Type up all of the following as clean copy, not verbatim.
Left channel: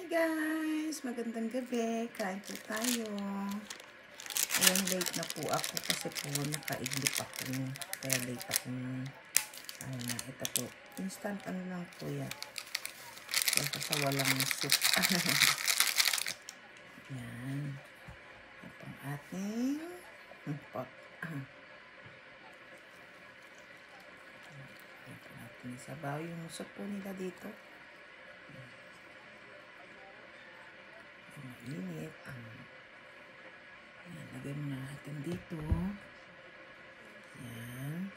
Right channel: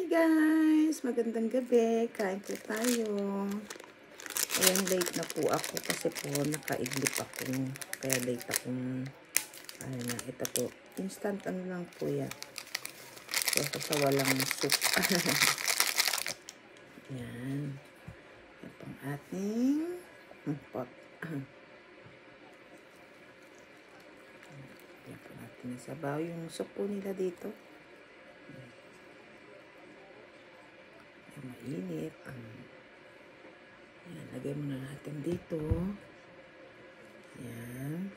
Hi guys! Magandang gabi. Kain po tayo. Ayan, late na po ako kasi po nakaidlip ako. Kaya late akong ano na, ito po. Instant ano lang po yan. So, sa walang soup. Ayan. Ito ang ating pot. Ayan po natin isabaw yung soup po nila dito. Mainit. Ayan, lagay mo na natin dito. Ayan.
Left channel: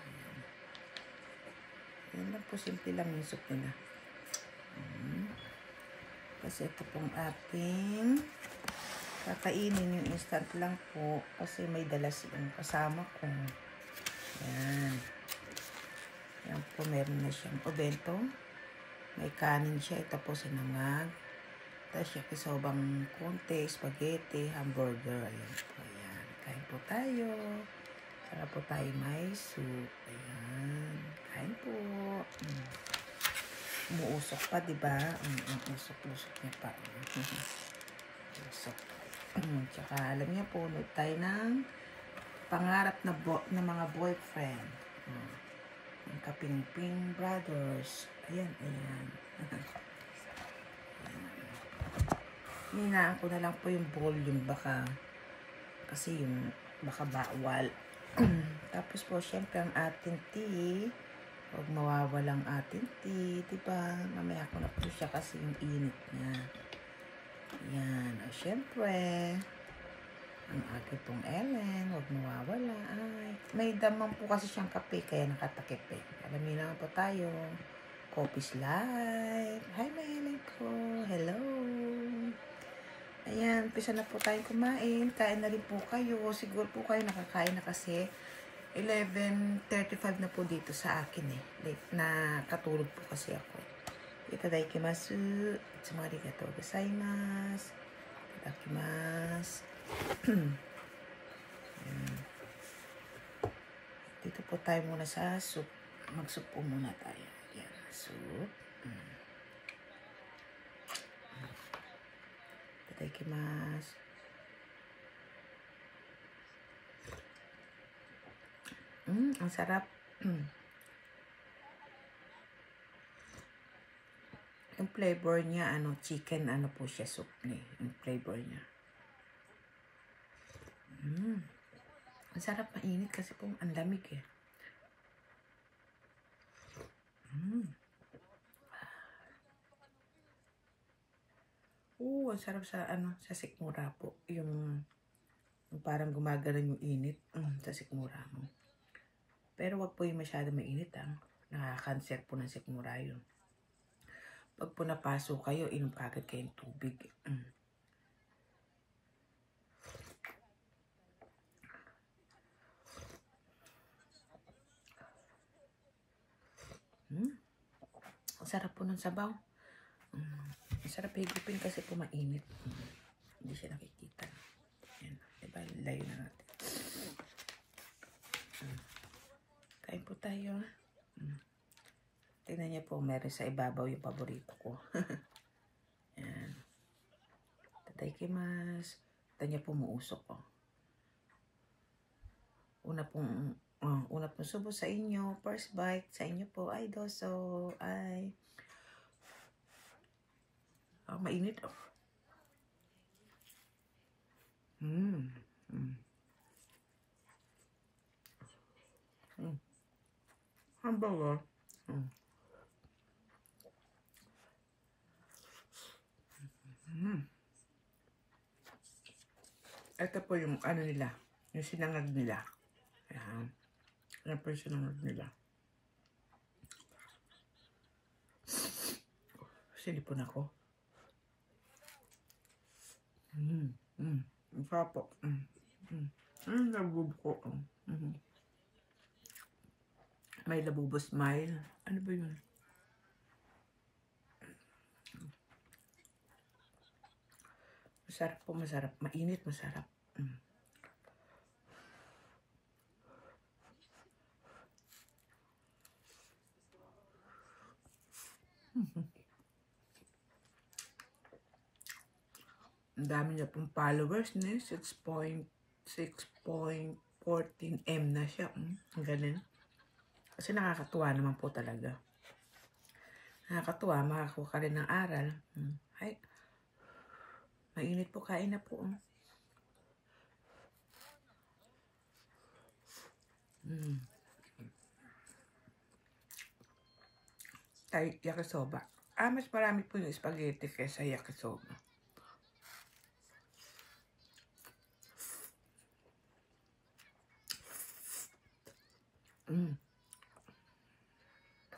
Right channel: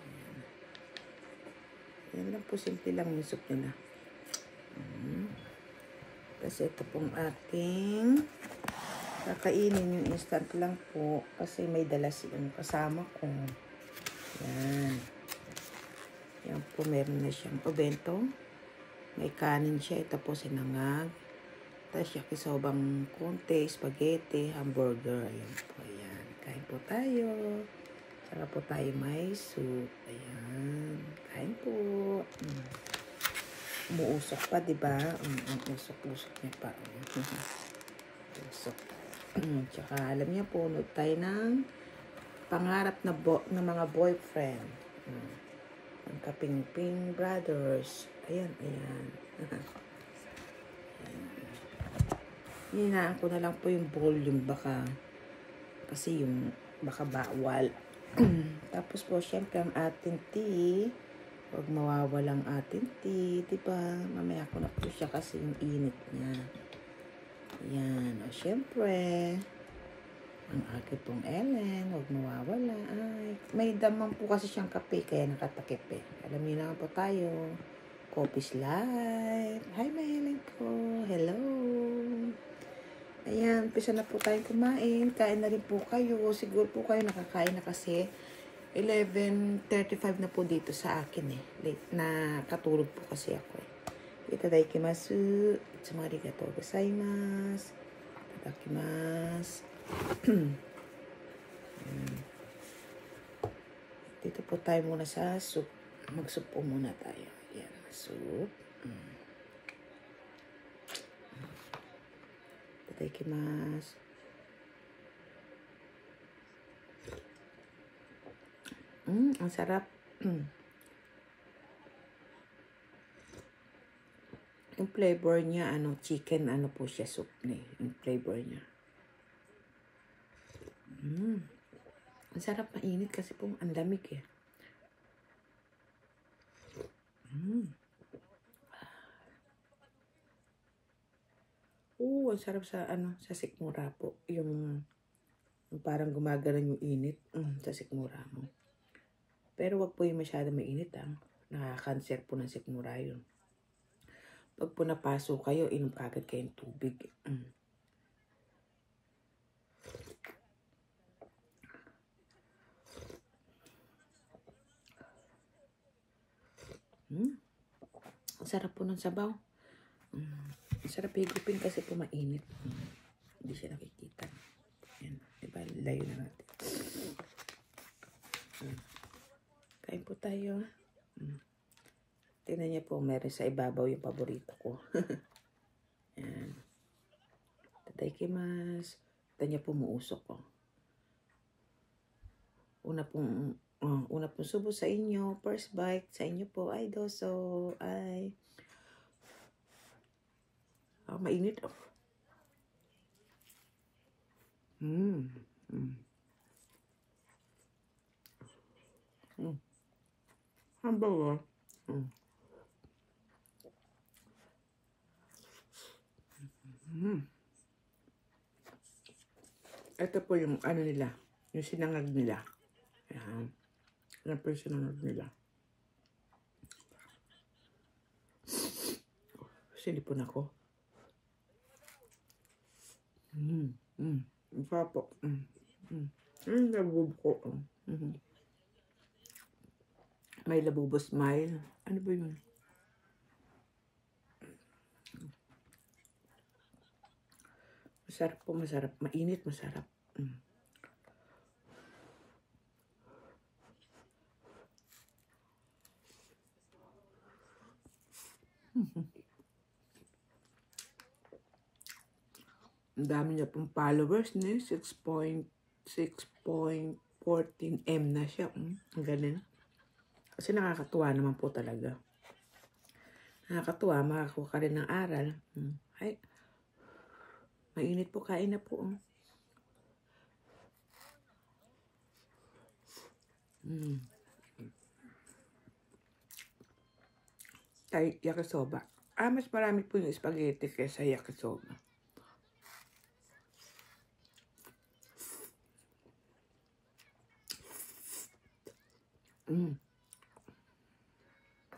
Ayan. Ayan lang po, simple lang yung soup nila. Kasi ito pong ating kakainin yung instant lang po. Kasi may dalas yung kasama ko. Ayan. Ayan po, meron na siyang obento. May kanin siya. Ito po sinangag. Tapos yakisobang konti, spaghetti, hamburger. Ayan po, ayan. Kain po tayo. Sarap po tayo may soup. Ayan. Kain po. Umuusok pa, diba? Usok-usok niya pa. Usok. Tsaka alam niya po, nood tayo ng pangarap na mga boyfriend. Ang Kapingping Brothers. Ayan, ayan. Hinaan ko na lang po yung volume baka kasi yung baka bawal. Tapos po syempre ang ating tea, huwag mawawala ang ating tea, diba? Mamaya ko na po siya kasi yung init niya. Ayan, o syempre ang ating pong Ellen, huwag mawawala. Ay, may damang po kasi siyang kape kaya nakatakip eh. Alamin na po tayo. Coffee's Light. Hi, mahilig ko. Hello. Ayan, umpisa na po tayong kumain. Kain na rin po kayo. Siguro po kayo nakakain na kasi 11:35 na po dito sa akin eh. Late na katulog po kasi ako. Itadakimasu. Itsumaragatou gozaimasu. Itadakimasu. Dito po tayo muna sa soup. Mag-soup po muna tayo. Ayan, soup. Itadakimasu. Ang sarap. Yung flavor niya, chicken, po siya, soup na eh. Yung flavor niya. Ang sarap, mainit kasi po, ang lamig eh. Ang sarap sa, sa sikmura po. Yung parang gumagalan yung init sa sikmura mo. Pero wag po yung masyado mainit, Nakaka-cancer po ng sikmura yun. Pag po napaso kayo, inom agad kayong tubig. Ang sarap po ng sabaw. Ang sarap higupin kasi po mainit. Hindi siya nakikita. Ayan, diba? Layo na natin. Kain po tayo. Tingnan niya po, meron sa ibabaw yung paborito ko. Ayan. Itadakimasu. Ito niya po muusok ko. Una pong subo sa inyo. First bite sa inyo po. Ay, doso. Ay. Mainit. Hamburger. Ito po yung nila. Yung sinangag nila. Ayan. Yan po yung sinangag nila. Silipon ako. Ang sarap po. Ang labub ko. May labubo smile. Ano ba yun? Masarap po, masarap. Mainit, masarap. Ang dami niya pong followers na 6.14M na siya. Ang galing. Kasi nakakatuwa naman po talaga. Nakakatuwa, makakuha ka rin ng aral. Ay, mainit po, kain na po. Yakisoba. Mas marami po yung spaghetti kaysa yakisoba.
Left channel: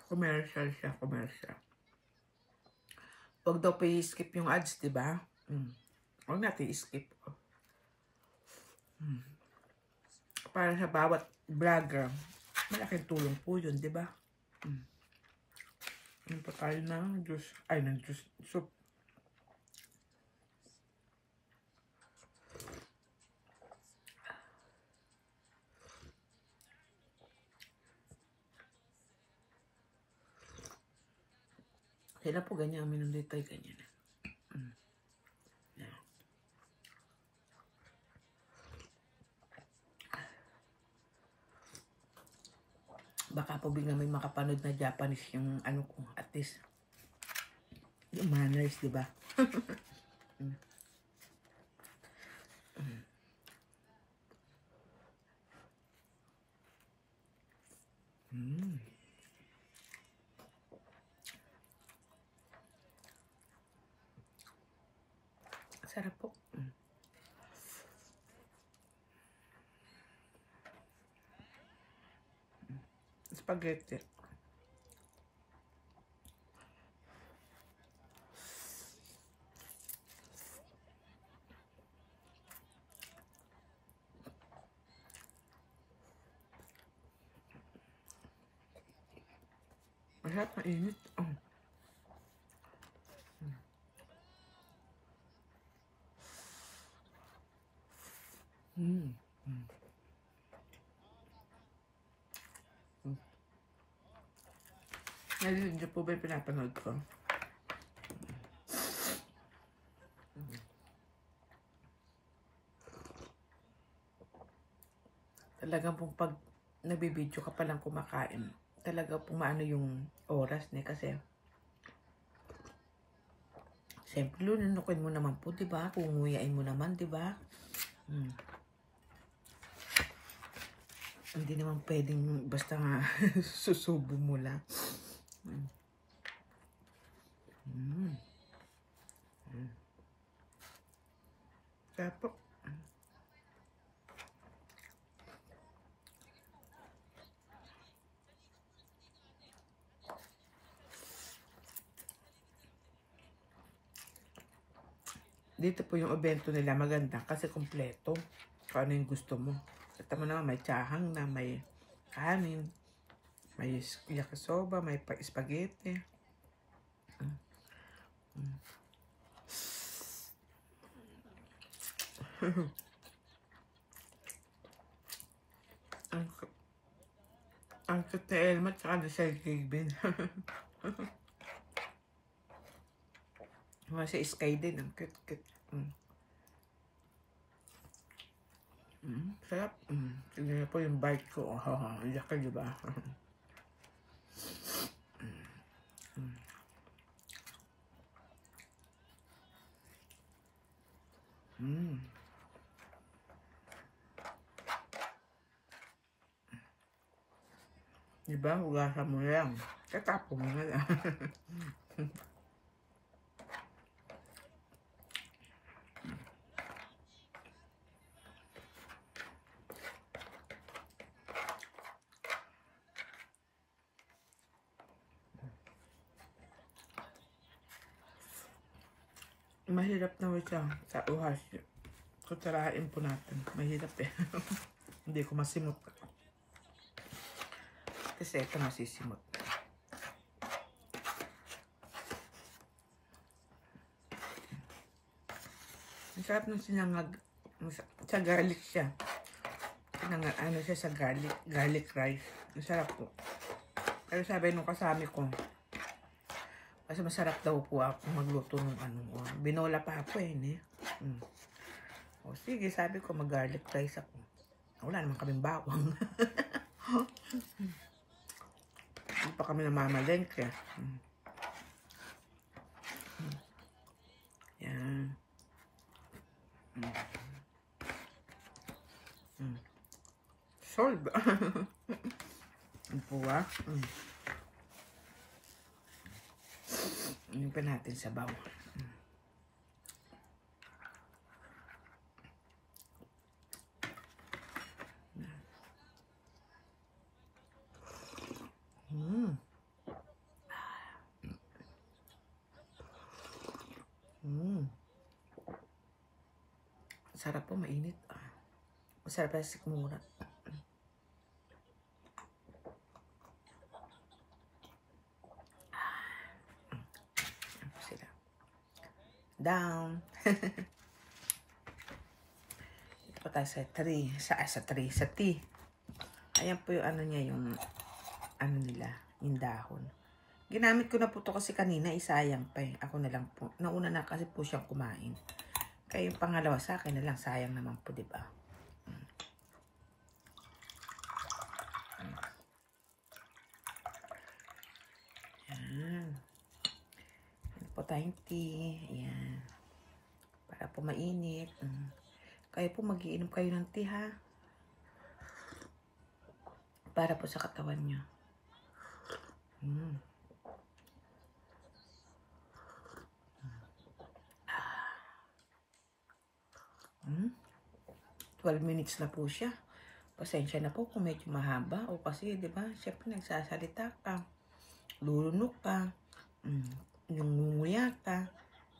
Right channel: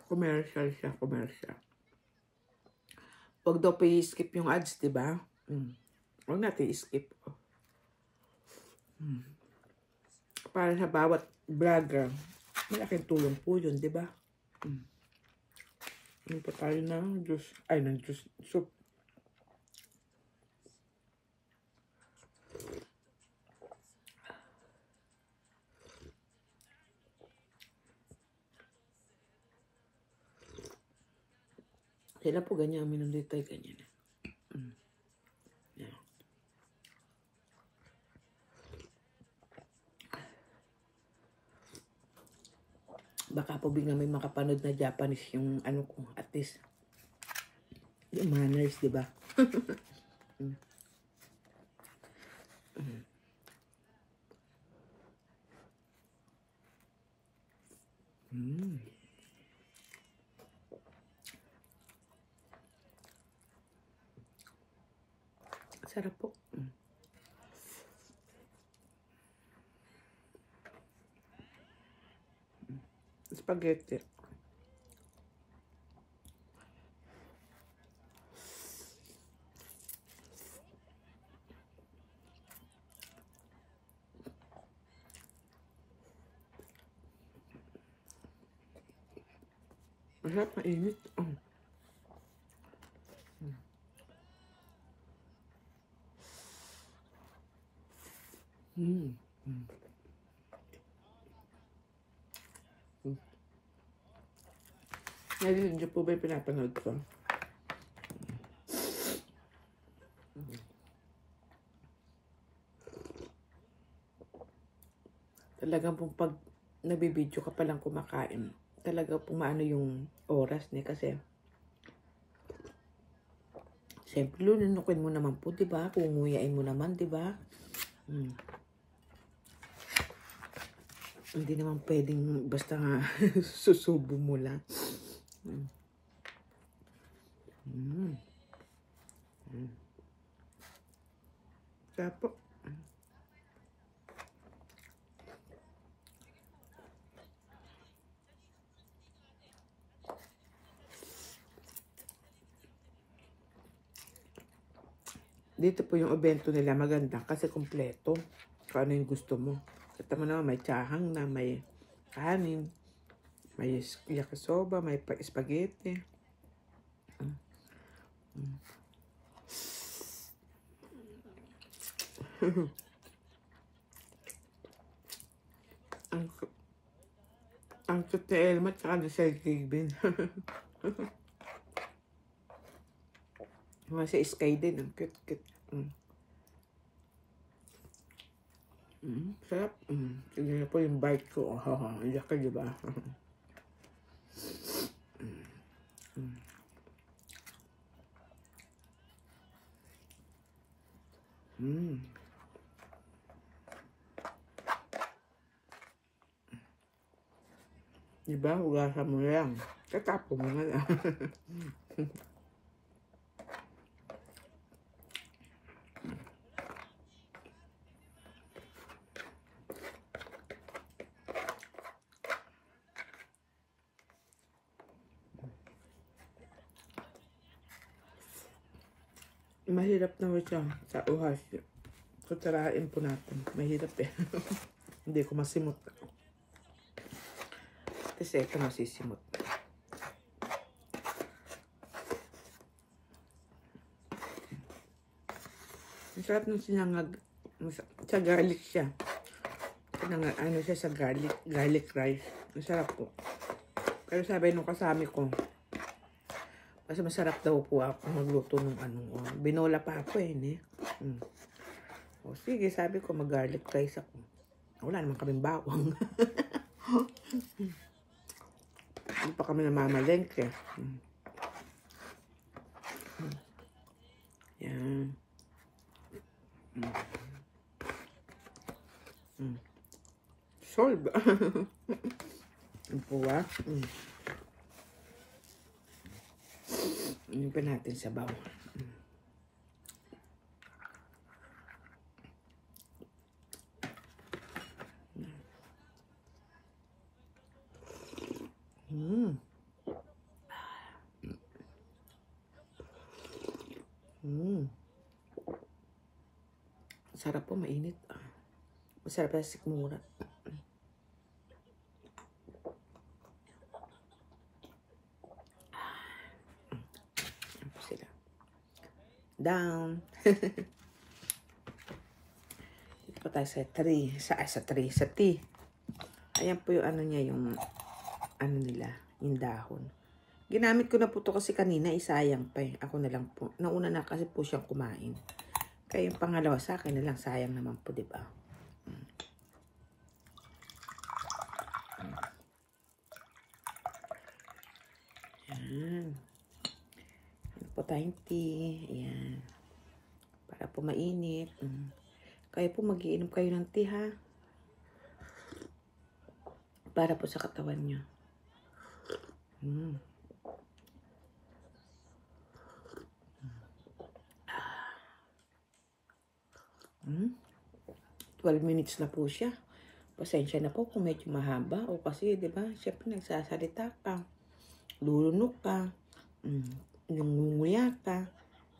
Commercial siya, commercial. Huwag daw po i-skip yung ads, diba? Huwag natin i-skip. Para sa bawat vlogger, malaking tulong po yun, diba? Ito tayo ng juice, ng juice, soup. Sila po ganyan, minum dito ay ganyan. Yeah. Baka po bigla may makapanood na Japanese yung ano ko, at least yung manners, diba? Sarap po. Spaghetti. Masarap, mainit. Ngayon, dyan po ba yung pinapanood ko? Talagang pong pag nabibidyo ka palang kumakain, talaga pumaano yung oras niya kasi siyempre lununukin mo naman po, diba? Kunguyain mo naman, diba? Hindi naman pwedeng basta nga susubo mo lang. Tapos dito po yung evento nila maganda kasi kompleto. Kung ano yung gusto mo. Ito mo naman may tsahang na, may kanin, may yakisoba, may spaghetti. Ang cute na Elma tsaka na sa Jibin. Sa Sky din, ang cute. Sarap. Tignan niyo po yung bite ko. Iyak ka, diba? Diba? Hugasan mo lang. Tatapo mo na lang. Mahirap naman siya sa uhas. Kutsarain po natin. Mahirap eh. Hindi ko masimot. Kasi ito masisimot. Masarap nung sinangag. Sa garlic siya. Ano siya sa garlic rice. Masarap po. Pero sabi nung kasami ko, Kasi masarap daw po ako magluto ng binola pa ako O sige, sabi ko mag-garlic rice ako. Wala naman kaming bawang. Hindi pa kami namamalengke. Yan. Solve. Ang puwa. Ano pa natin sa baw. Sarap po, mainit. Masarap na sikmura. Yan po sila. Down. Ito pa tayo sa tree. Sa tea. Ayan po yung niya, yung nila, yung dahon. Ginamit ko na po ito kasi kanina, isayang pa Ako na lang po. Nauna na kasi po siyang kumain. Kaya yung pangalawa sa akin na lang, sayang naman po, diba? Ayan. Ayan po tayong tea. Ayan. Para po mainit. Kaya po mag-iinom kayo ng tea, ha? Para po sa katawan nyo. 12 minutes na po siya. Pasensya na po kung medyo mahaba. O kasi, di ba, syempre nagsasalita ka. Lulunok ka. Nunguya ka.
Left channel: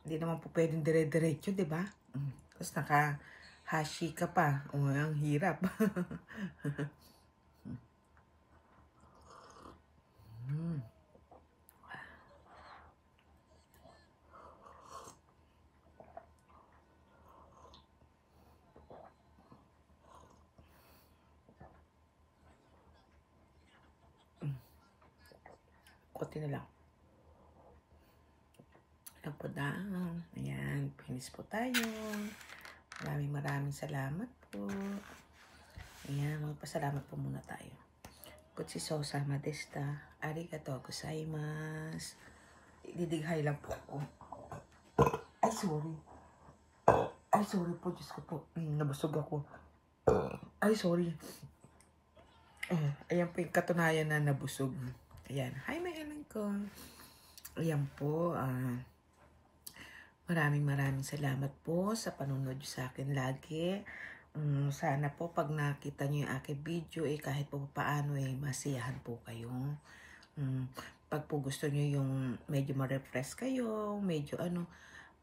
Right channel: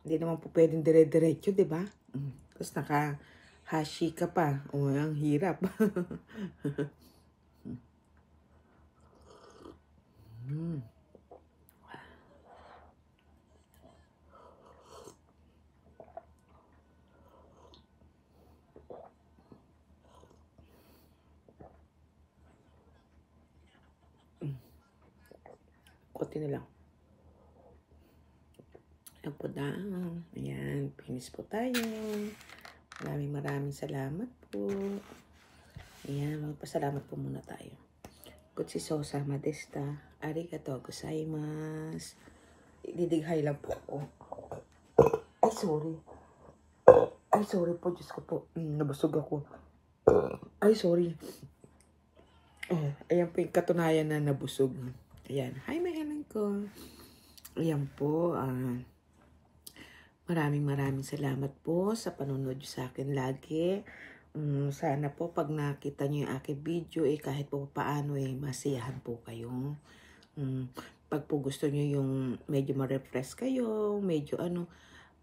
Hindi naman po pwedeng dire-diretso, di ba? Tapos naka-hashi ka pa. O, ang hirap. Kunti na lang. Ayan po na. Ayan, finish po tayo. Maraming salamat po. Ayan, magpasalamat po muna tayo. Gochisosa madesta. Arigatou gozaimasu. Didighay lang po ako. Ay, sorry. Ay, sorry po. Diyos ko po. Nabusog ako. Ay, sorry. Ayan po yung katunayan na nabusog. Ayan. Hi, mahilang ko. Ayan po. Maraming salamat po sa panonood sa akin lagi. Sana po pag nakita nyo yung aking video, kahit po paano, masiyahan po kayo. Pag po gusto nyo yung medyo ma-refresh kayo, medyo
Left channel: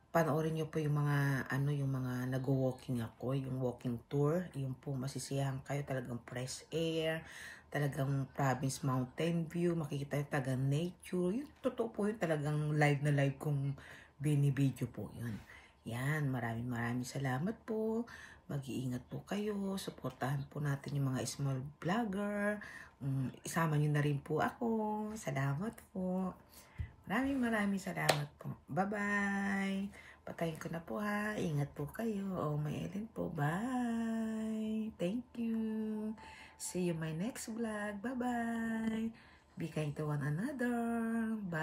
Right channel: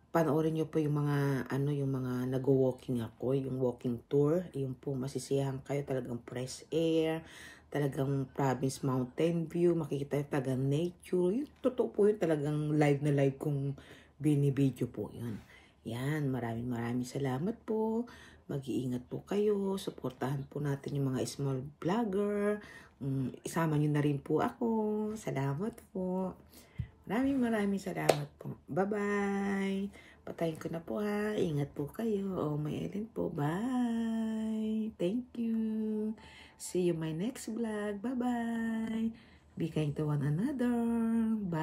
panoorin nyo po yung mga, yung mga nag-walking ako, yung walking tour, yung po masisiyahan kayo, talagang fresh air, talagang province mountain view, makikita yung talagang nature, yung totoo po yun, talagang live na live kung binibideo po yun. Yan, maraming salamat po. Mag-iingat po kayo. Suportahan po natin yung mga small vlogger. Isama nyo na rin po ako. Salamat po. Maraming salamat po. Bye-bye. Patayin ko na po ha. Ingat po kayo. Oh, may Ellen po. Bye. Thank you. See you my next vlog. Bye-bye. Be kind to one another. Bye.